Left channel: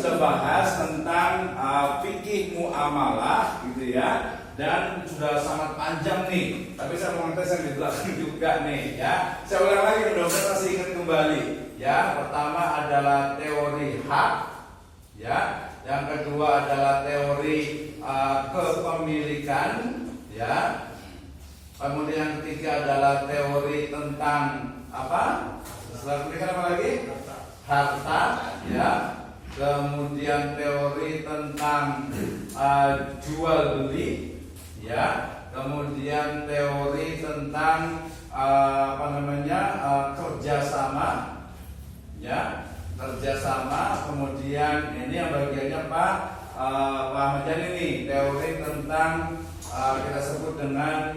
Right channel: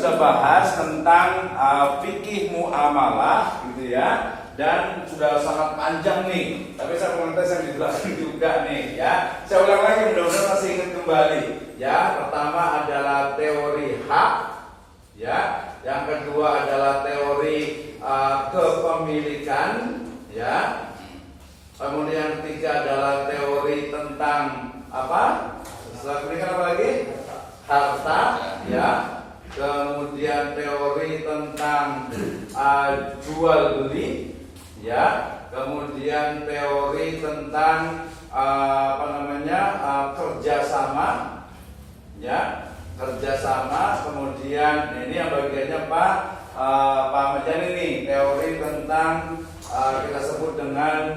sudah bahas tentang fikih muamalah gitu ya, dan sudah sangat panjang nih. Tapi saya mau minta saya dijelaskan juga nih ya. Saya ulang lagi mudah-mudahan masih ingat kembali. Ya, pertama adalah teori hak, ya. Yang kedua adalah teori kepemilikan, ya. Kemudian ketiga adalah teori tentang apa? Setelah kepemilikan apa lagi? Harta, ya. Kemudian teori tentang jual beli, ya. Kemudian teori tentang kerjasama, ya, kerjasama. Kemudian ini yang bagiannya Pak Ahmad Yani nih, teori tentang kita sebut dengan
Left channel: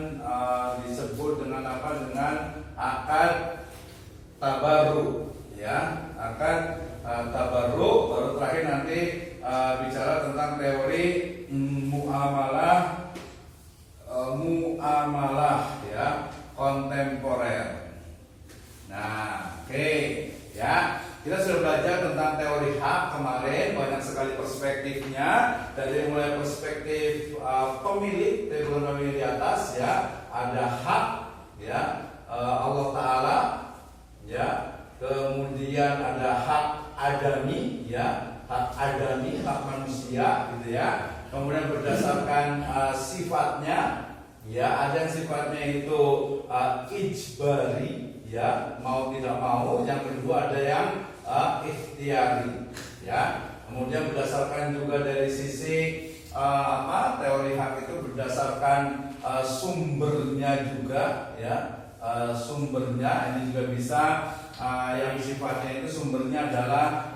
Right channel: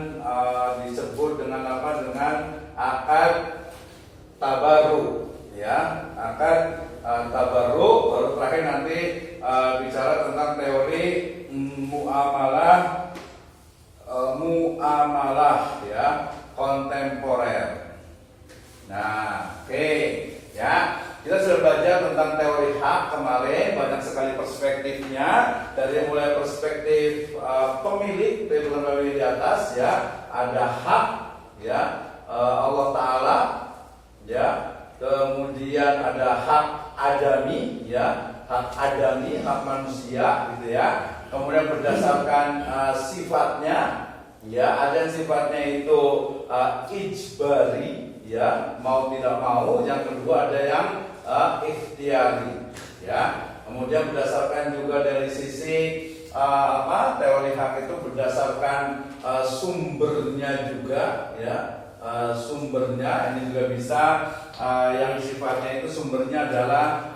dengan akad tabarru, ya, akad tabarru. Baru terakhir nanti bicara tentang teori muamalah ya, kontemporer. Nah, oke, ya. Kita sudah belajar tentang teori hak kemarin, banyak sekali perspektifnya, dari mulai perspektif pemilik, pemilik di atas, ya, ada hak, ya, Allah Taala, ya, kemudian ada hak adami, ya, hak adami, hak manusia, gitu ya. Kemudian berdasarkan sifatnya, ya, ada yang sifatnya itu ijbari, ya, mau tidak mau. Yang kedua ada yang ikhtiari, ya. Kemudian berdasarkan juga dari sisi teori hak itu berdasarkan sumbernya juga, ya, sumbernya ini juga bisa yang sifatnya itu sumbernya adalah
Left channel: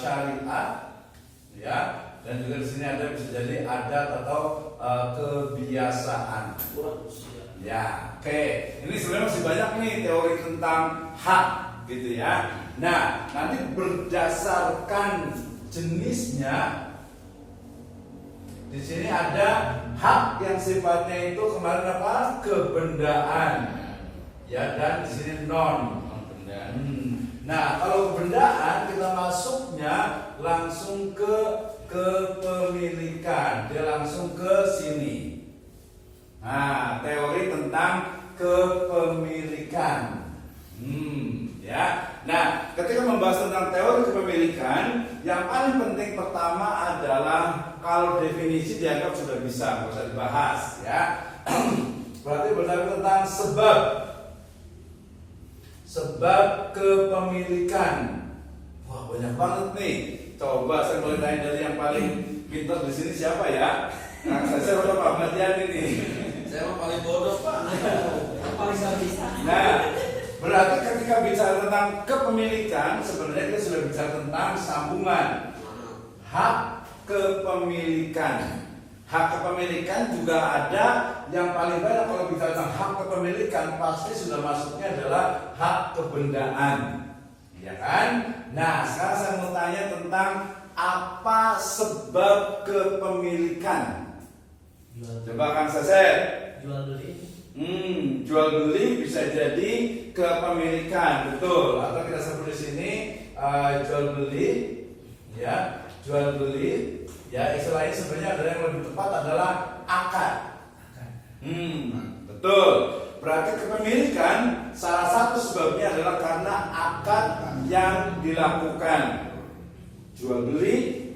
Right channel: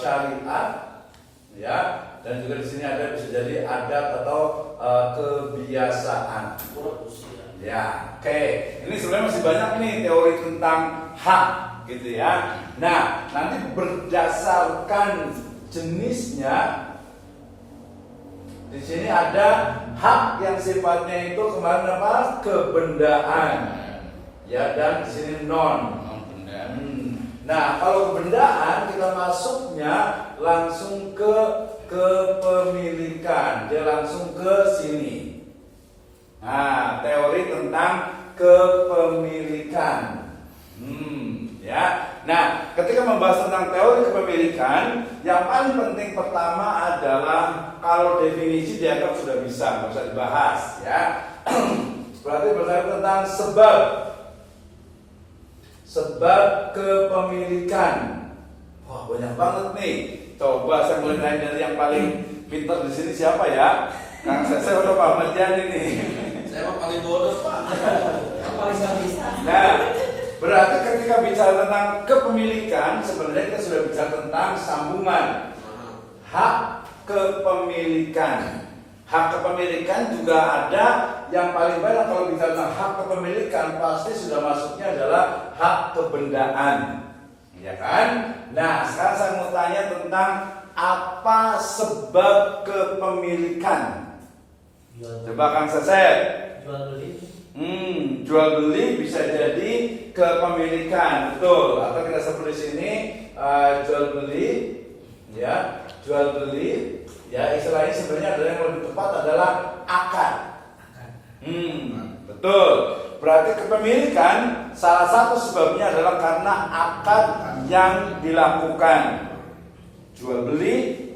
syariat, ya, dan juga di sini ada bisa jadi adat atau kebiasaan. Ya, oke. Ini sebenarnya masih banyak nih teori tentang hak, gitu ya. Nah, nanti berdasarkan jenisnya, di sini ada hak yang sifatnya itu kemarin apa? Kebendaan, ya, dan di sini non. Nah, kalau kebendaan kita masuknya langsung ke kepemilikan, dia langsung ke sini. Nah, teori tentang kepemilikan, ya. Nah, ketika membahas tentang teori kepemilikan, yang paling penting pertama adalah kalau definisi dianggap sudah bisa, nggak usah dibahas, ya. Berarti berbicara tentang sebab kepemilikan. Wah, banyak banget nih. Coba saya mulai tanya dari yang paling pintar di sini siapa ya? Kang saya udah Pak Ahmad Yani nih. Saya paling bodoh, Pak. Paling nggak bisa. Nah, berarti ketika bicara tentang kepemilikan, sebenarnya kita sudah bicara tentang sambungan hak kepemilikan. Hak kepemilikan juga ada yang paling banyak kalau bicara tentang hak kepemilikan pasti sudah masuknya adalah hak kebendaan, ya kan? Nah, sekarang saya mau tanya tentang apa sebab kepemilikan. Coba Kang Sesep. Jual beli. Jual beli bisa jadi kepemilikan, betul. Atau kita sebut di sini jual beli, ya, jual beli, ya. Istilahnya sebenarnya ada yang lebih tepat adalah akad. Betul. Berarti kepemilikan salah satu sebabnya adalah karena akad yang dilakukan. Jual beli,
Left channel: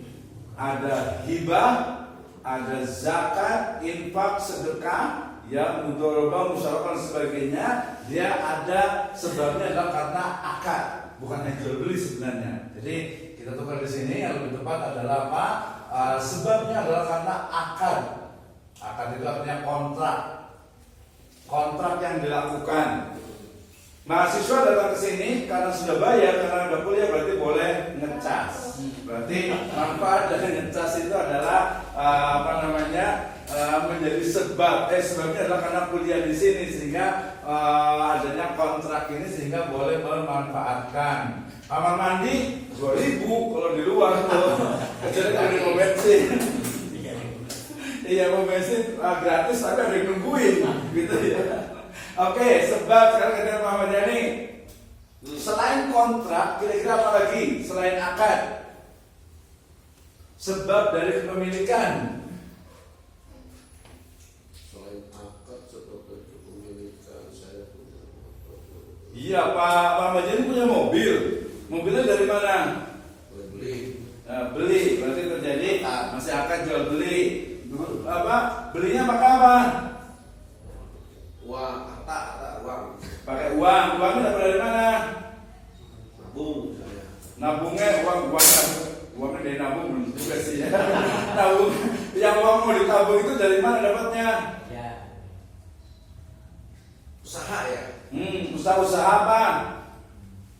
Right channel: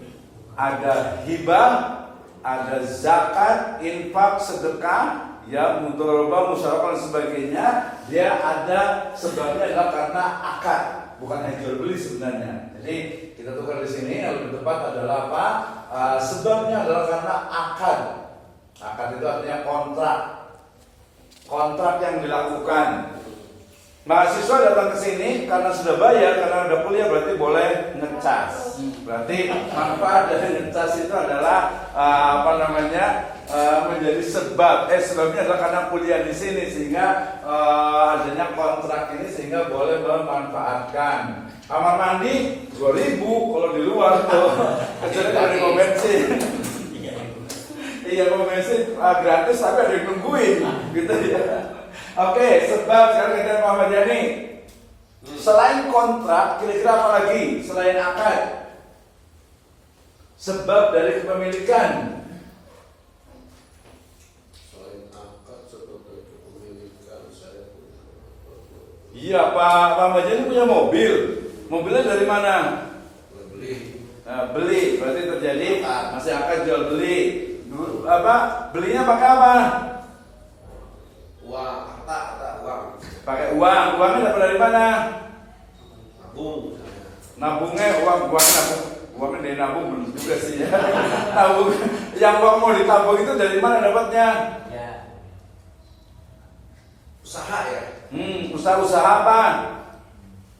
ada hibah, ada zakat, infak, sedekah, ya, mudharabah, musyawarah dan sebagainya. Dia ada sebabnya adalah karena akad, bukan hanya jual beli sebenarnya. Jadi kita tukar di sini yang lebih tepat adalah apa? Sebabnya adalah karena akad. Akad itu artinya kontrak yang dilakukan. Mahasiswa datang ke sini karena sudah bayar, karena sudah kuliah, berarti boleh ngecas. Berarti manfaat dari ngecas itu adalah menjadi sebabnya adalah karena kuliah di sini, sehingga adanya kontrak ini sehingga boleh memanfaatkan. Kamar mandi 2.000 kalau di luar tuh, kecuali kalau di pom bensin. Iya, pom bensin gratis tapi ada yang nungguin, gitu ya. Oke, sebab sekarang kita Pak Ahmad Yani. Selain kontrak, kira-kira apa lagi selain akad? sebab dari kepemilikan. Selain akad sebab dari kepemilikan saya punya. Iya, Pak Muhammad ini punya mobil. Mobilnya dari mana? Beli. Nah, beli, berarti terjadi masih akad jual beli. Apa? Belinya pakai apa? Uang, harta uang. Pakai uang. Uangnya dapat dari mana? Nabung saya. Nabungnya uangnya dari nabung belum juga sih ya. Nabung yang uang mau ditabung itu dari mana dapatnya? Ya. Usaha ya. Usaha apa?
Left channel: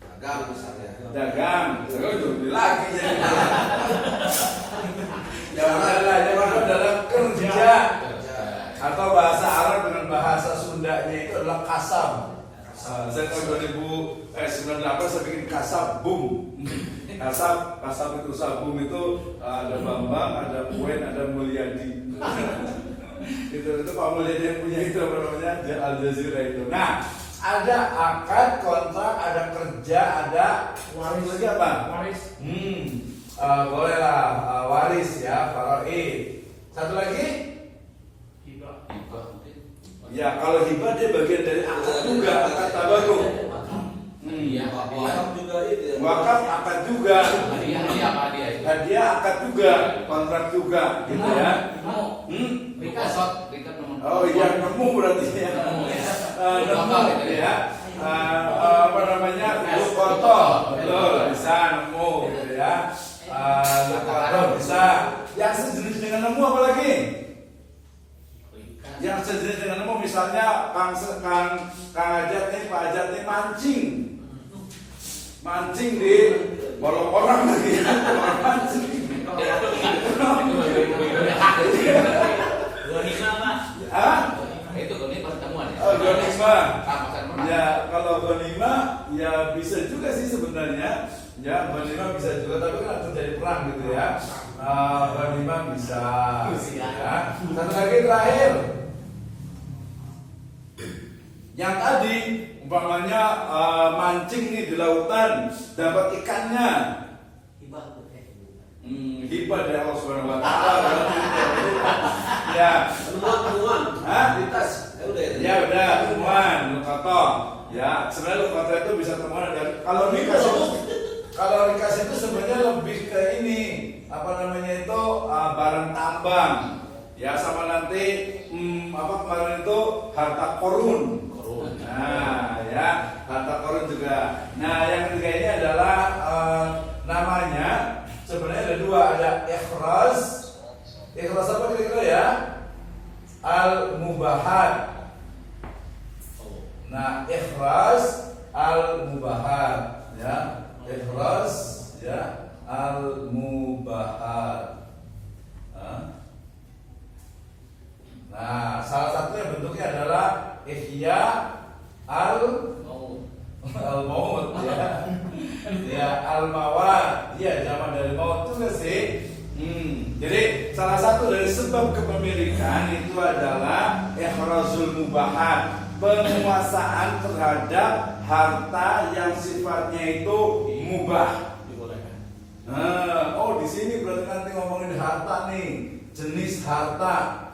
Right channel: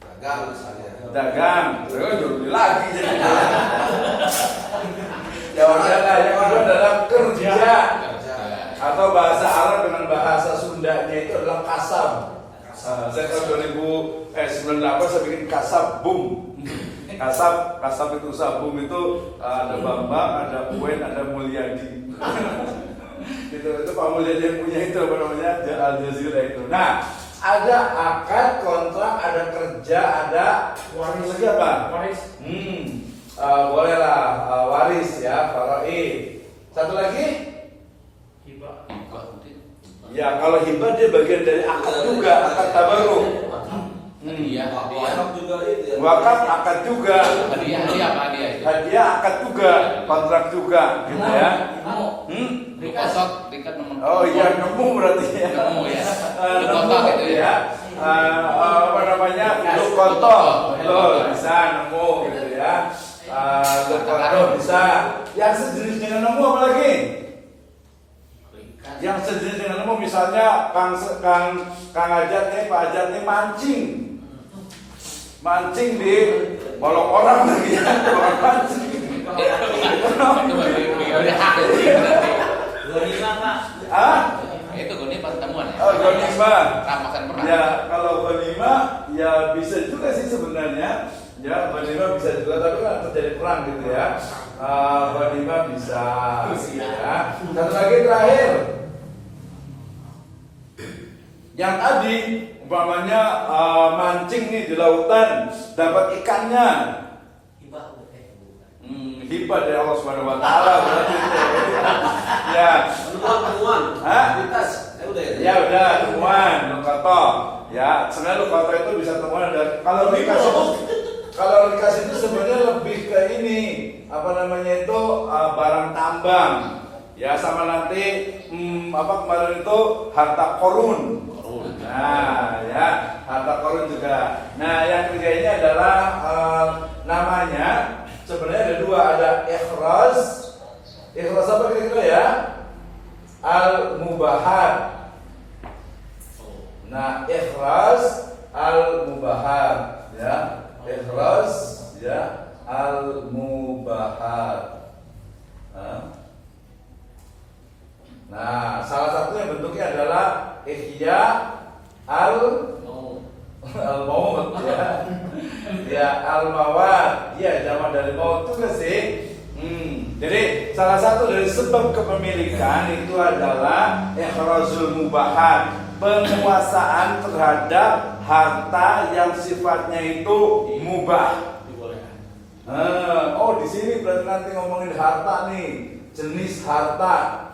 Dagang misalnya. Dagang. Terus jual beli lagi jadi. Jawabannya adalah kerja. Atau bahasa Arab dengan bahasa Sundanya itu adalah kasab. Saya tahun 98 saya bikin kasab boom. Kasab itu usaha boom itu ada Bambang, ada Uen, ada Mulyadi. itu Pak Mulyadi yang punya itu apa namanya Al Jazeera itu. Nah, ada akad kontrak, ada kerja, ada waris lagi apa? Waris. Bolehlah waris ya, faraid. Satu lagi? Hibah. Ya, kalau hibah dia bagian dari akad juga, akad tabarruk. Iya, Wakaf juga itu ya. Wakaf akad juga. Hadiah akad juga, kontrak juga, gitu ya. Oh iya, nemu berarti ya. Nemu ya. Apa namanya? Lukonto, betul, bisa nemu gitu ya. Lukonto bisa. Yang sejenis dengan nemu apa lagi? Yang sejenis dengan nemu misalnya Kang Ajat nih, Pak Ajat nih mancing di bolong orang lagi ya. Mancing. Gonima, Pak. Itu gonima pertemuan ya. Oh, gonima. Rampasan perang. Ya, kalau gonima ya bisa juga sih sebenarnya. Ya, gonima bisa juga, tapi kan terjadi perang gitu ya. Gonima bisa ya. Satu lagi terakhir. Yang tadi umpamanya mancing nih di lautan, dapat ikannya. Hibah dari Allah Subhanahu wa taala berarti. Ya. Temuan. Hah? Lintas. Udah ya. Ya udah, temuan lukato. Ya, sebenarnya lukato itu bisa temuan ada. Kalau rikas itu sebenarnya lebih ke ini, apa namanya itu barang tambang. Ya, sama nanti apa kemarin itu harta korun. Nah, ya, harta korun juga. Nah, yang ketiga ini adalah namanya sebenarnya ada dua, ada ikhraz. Ikhraz apa kira-kira ya? Al-mubahat. Nah, ikhraz al-mubahat ya. Ikhraz ya al-mubahat. Nah, salah satunya bentuknya adalah ihya al-maut ya. Ya, al-mawat. Ya, zaman dari maut juga sih. Jadi salah satu dari sebab kepemilikan itu adalah ikhrazul mubahat, penguasaan terhadap harta yang sifatnya itu mubah. Oh, di sini berarti nanti ngomongin harta nih, jenis harta.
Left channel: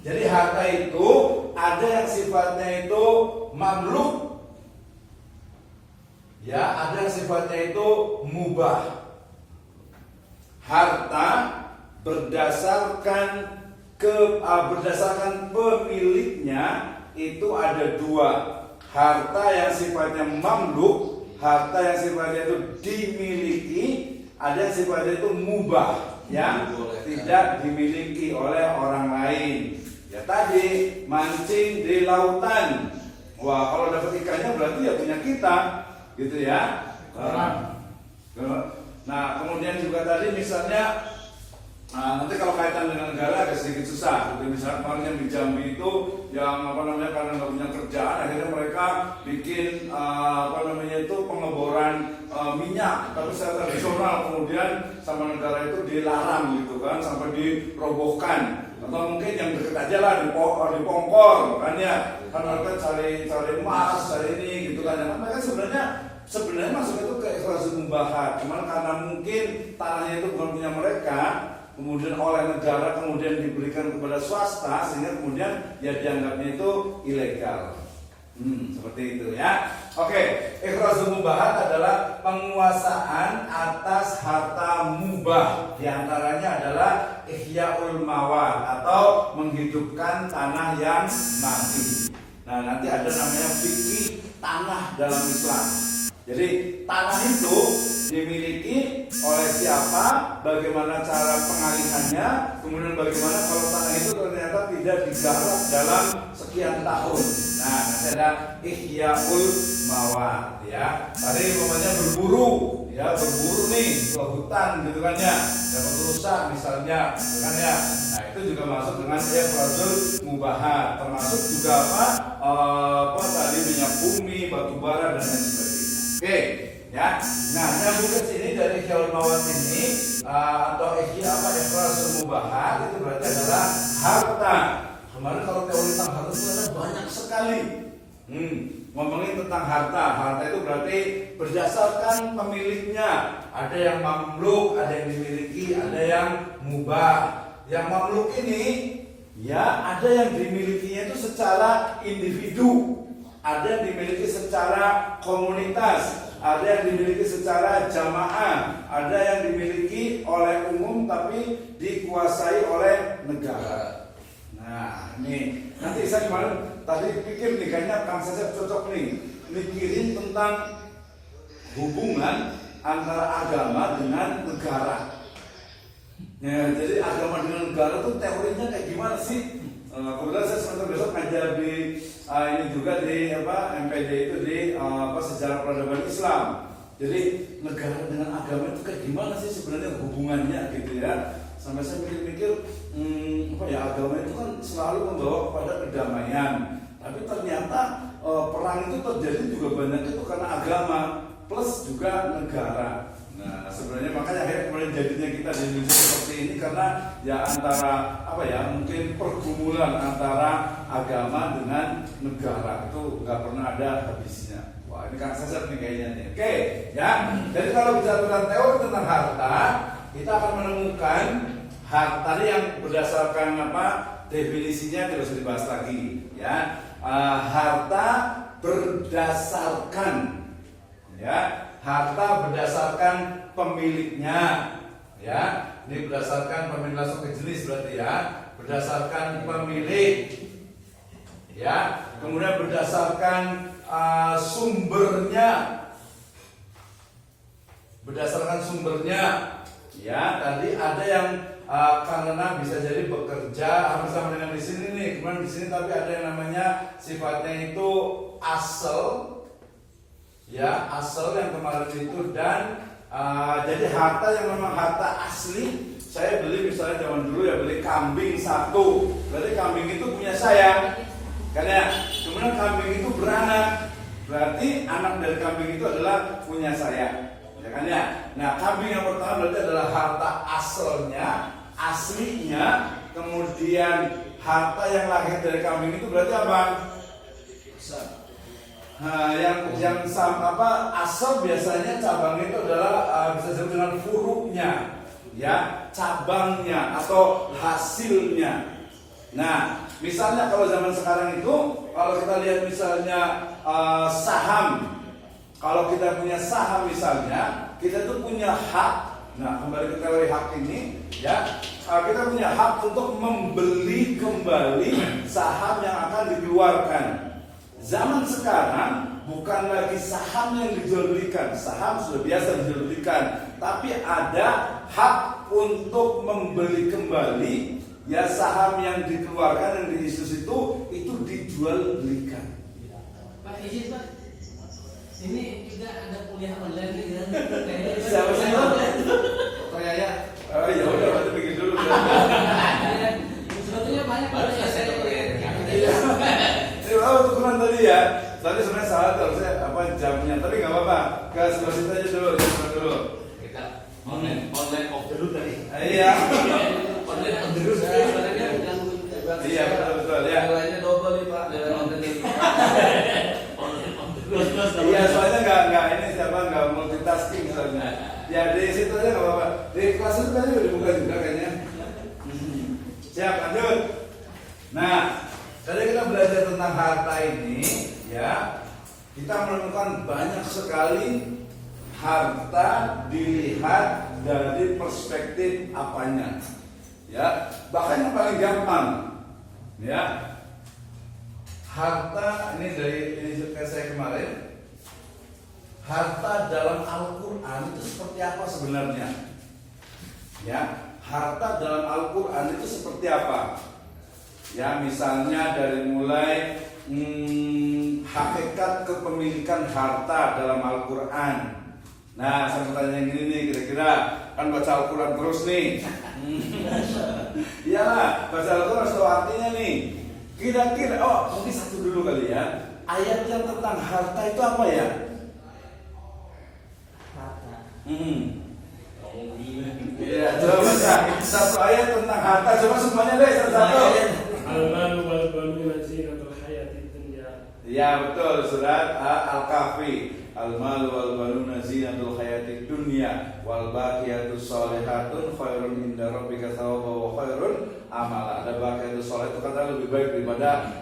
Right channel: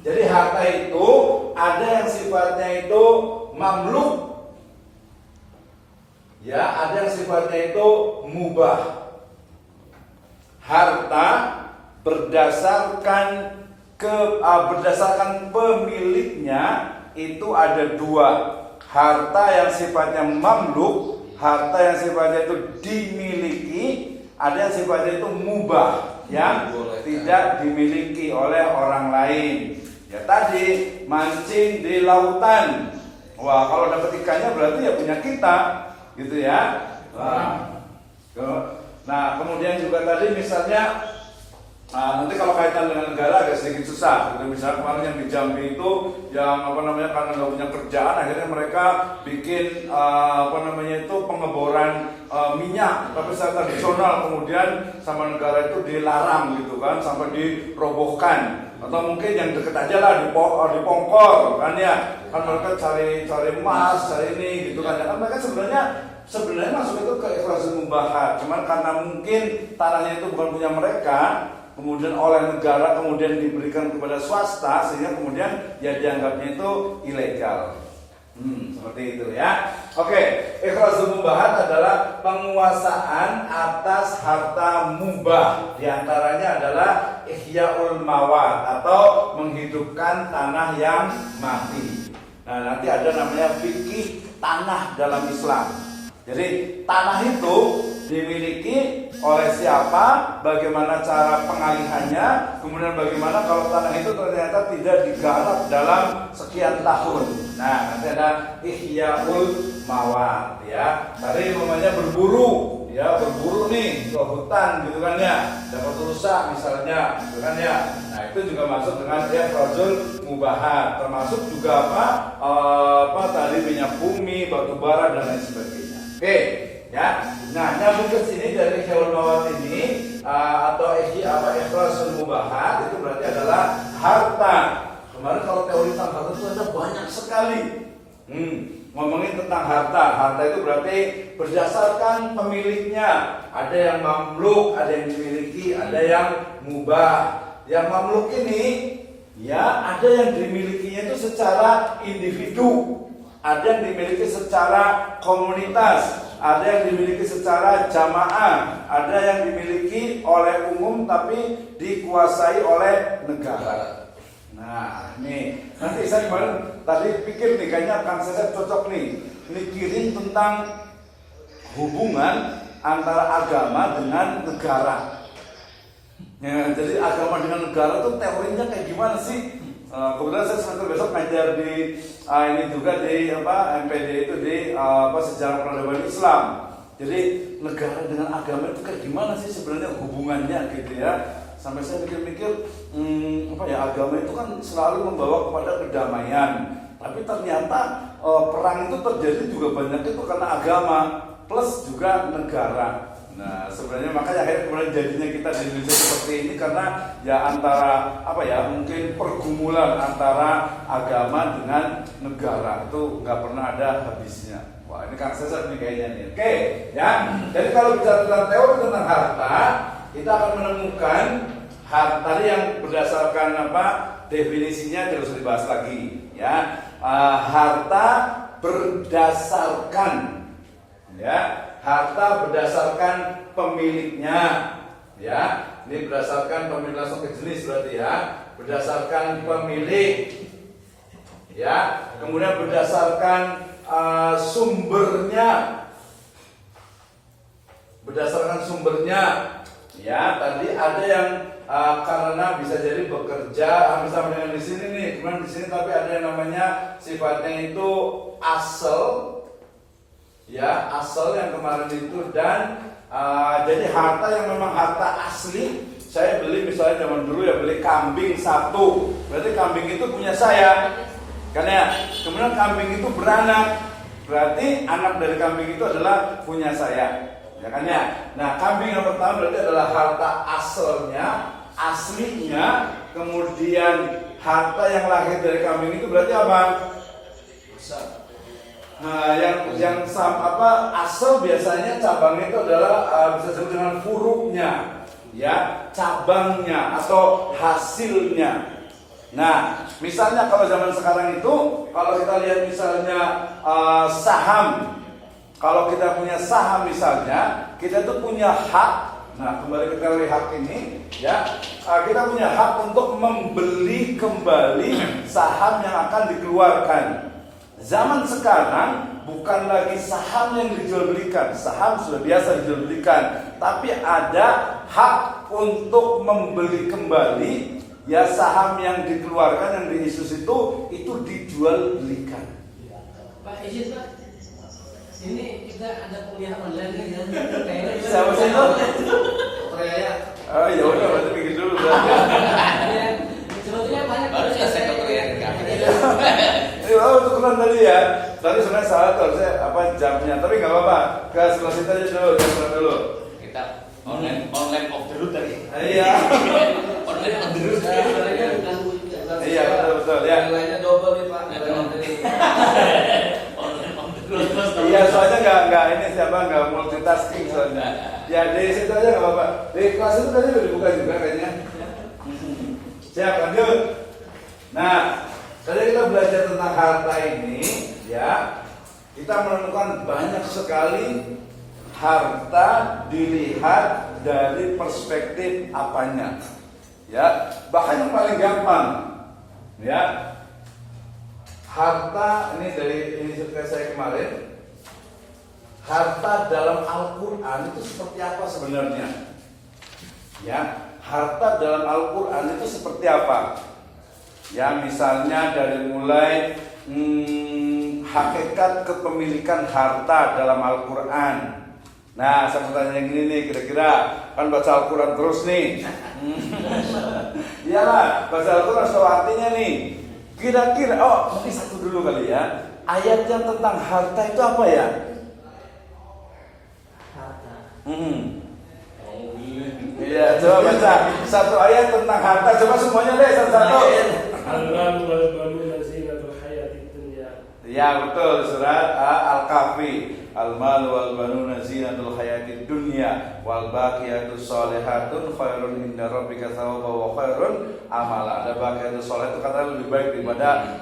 Jadi harta itu ada yang sifatnya itu mamluk, ya, ada yang sifatnya itu mubah. Harta berdasarkan pemiliknya itu ada dua. Harta yang sifatnya mamluk, harta yang sifatnya itu dimiliki, ada yang sifatnya itu mubah, yang tidak dimiliki oleh orang lain. Ya tadi mancing di lautan. Wah, kalau dapat ikannya berarti ya punya kita, gitu ya. Nah, kemudian juga tadi misalnya nanti kalau kaitan dengan negara agak sedikit susah. Gitu. Misalnya kemarin yang di Jambi itu yang apa namanya karena nggak punya kerjaan, akhirnya mereka bikin apa namanya itu pengeboran minyak, tapi secara tradisional, kemudian sama negara itu dilarang gitu kan, sampai dirobohkan. Atau mungkin yang deket aja lah di Pongkor kan ya, kan mereka cari emas, cari ini gitu kan. Mereka sebenarnya sebenarnya masuk itu ke ikhrajul mubahat. Cuman karena mungkin tanahnya itu bukan punya mereka, kemudian oleh negara kemudian diberikan kepada swasta, sehingga kemudian ya dianggapnya itu ilegal. Seperti itu ya. Oke, ikhrajul mubahat adalah penguasaan atas harta mubah. Di antaranya adalah ihya'ul mawat atau menghidupkan tanah yang mati. Nah, nanti ada namanya fikih tanah dalam Islam. Jadi tanah itu dimiliki oleh siapa, bagaimana cara pengalihannya, kemudian bagaimana kalau tanah itu ternyata tidak digarap dalam sekian tahun. Nah, nanti ada ihya'ul mawat ya. Tadi namanya berburu, ya berburu nih ke hutan gitu kan ya, dapat rusak misalnya, gitu kan ya. Nah, itu juga masuk dengan ikhrajul mubahat, termasuk juga apa tadi minyak bumi, batu bara dan lain sebagainya. Oke, ya. Nah, nyambung ke sini dari ihya'ul mawat ini atau ikhrajul mubahat itu berarti adalah harta. Kemarin kalau teori tentang harta itu ada banyak sekali. Ngomongin tentang harta. Harta itu berarti berdasarkan pemiliknya. Ada yang mamluk, ada yang dimiliki, ada yang mubah. Yang mamluk ini ya ada yang dimilikinya itu secara individu. Ada yang dimiliki secara komunitas, ada yang dimiliki secara jamaah, ada yang dimiliki oleh umum tapi dikuasai oleh negara. Nah, nih nanti saya kemarin tadi pikir nih kayaknya Kang Sesep cocok nih mikirin tentang hubungan antara agama dengan negara. Ya, jadi agama dengan negara tuh teorinya kayak gimana sih? Kebetulan saya semester besok ngajar di ini juga di MPD itu di sejarah peradaban Islam. Jadi negara dengan agama itu kayak gimana sih sebenarnya hubungannya gitu ya? Sampai saya mikir-mikir agama itu kan selalu membawa kepada kedamaian. Tapi ternyata perang itu terjadi juga banyak itu karena agama plus juga negara. Nah, sebenarnya makanya akhirnya kemudian jadinya kita di Indonesia seperti ini karena ya antara mungkin pergumulan antara agama dengan negara itu nggak pernah ada habisnya. Wah, ini Kang Sesep nih kayaknya nih. Oke, ya. Jadi kalau bicara tentang teori tentang harta, kita akan menemukan harta tadi yang berdasarkan definisinya tidak usah dibahas lagi, ya. Harta berdasarkan, ya. Harta berdasarkan pemiliknya, ya. Ini berdasarkan pemilik langsung ke jenis berarti ya. Berdasarkan pemilik, ya. Kemudian berdasarkan sumbernya, berdasarkan sumbernya, ya. Tadi ada yang karena bisa jadi bekerja hampir sama dengan di sini nih. Kemudian di sini tapi ada yang namanya sifatnya itu asal. Ya, asal yang kemarin itu dan jadi harta yang memang harta asli. Saya beli misalnya zaman dulu ya beli kambing satu, berarti kambing itu punya saya, kan ya. Kemudian kambing itu beranak, berarti anak dari kambing itu adalah punya saya, ya kan ya. Nah, kambing yang pertama berarti adalah harta asalnya, aslinya. Kemudian harta yang lahir dari kambing itu berarti apa? Nah, yang asal biasanya cabangnya itu adalah bisa disebut dengan furuknya, ya, cabangnya atau hasilnya. Nah, misalnya kalau zaman sekarang itu, kalau kita lihat misalnya saham, kalau kita punya saham misalnya, kita itu punya hak. Nah, kembali ke teori hak ini, ya, kita punya hak untuk membeli kembali saham yang akan dikeluarkan. Zaman sekarang bukan lagi saham yang dijual belikan, saham sudah biasa dijual belikan, tapi ada hak untuk membeli kembali ya saham yang dikeluarkan yang diisus itu dijual belikan. Pak izin Pak, ini kita ada kuliah online nih dan siapa sih itu? Raya. Oh ya udah berarti pikir dulu. Sebetulnya banyak baru selesai kuliah. Untuk keluar tadi ya. Tadi sebenarnya salah harusnya jamnya, tapi nggak apa-apa. Ke sebelah situ aja dulu. Kita online of the root tadi. Iya. Online of the root. Iya betul ya. Nilainya double nih Pak. Iya soalnya nggak ini siapa nggak multitasking soalnya. Ya di situ aja nggak apa-apa. Di kelas itu tadi udah dibuka juga kayaknya. Siap, lanjut. Nah, tadi kita belajar tentang harta ini, ya. Kita menemukan banyak sekali harta dilihat dari perspektif apanya. Ya, bahkan yang paling gampang, ya. Harta ini dari ini saya kemarin. Harta dalam Al-Qur'an itu seperti apa sebenarnya? Ya, harta dalam Al-Qur'an itu seperti apa? Ya, misalnya dari mulai hakikat kepemilikan harta dalam Al-Qur'an. Nah, saya mau tanya yang gini nih, kira-kira kan baca Al-Qur'an terus nih. Iyalah, baca Al-Qur'an tahu artinya nih. Kira-kira, mungkin satu dulu kali ya. Ayat yang tentang harta itu apa ya? Iya, coba baca satu ayat tentang harta. Coba semuanya deh satu-satu. Al-mal wal banuna zinatul hayatid dunya. Ya betul, surat Al-Kahfi. Al-mal wal banuna zinatul hayatid dunya wal baqiyatus sholihatun khairun inda rabbika thawaban wa khairun amala. Ada baqiyatus sholih itu kata lebih baik daripada